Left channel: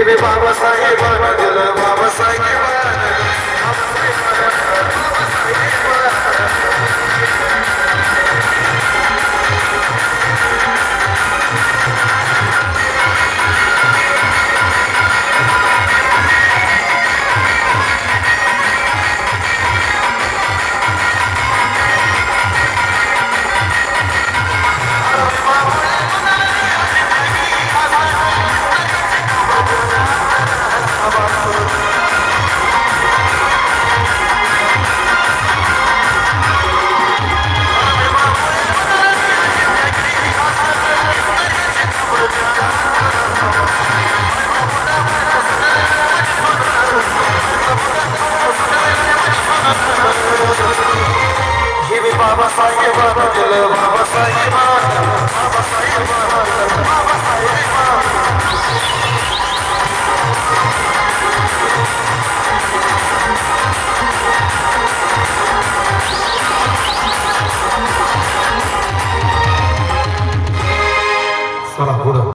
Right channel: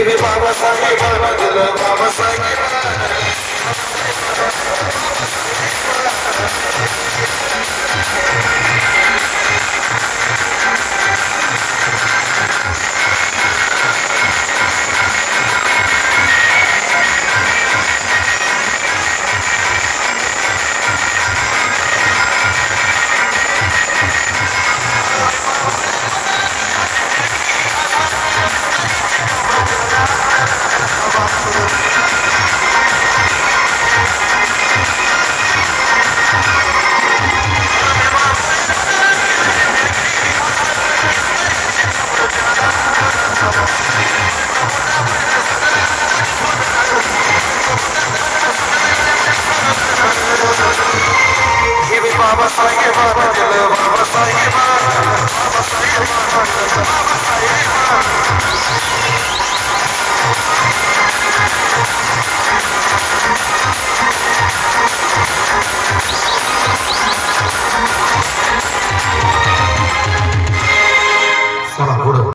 Give me Baba Sahib, Baba Dilla, Baba Só na cura.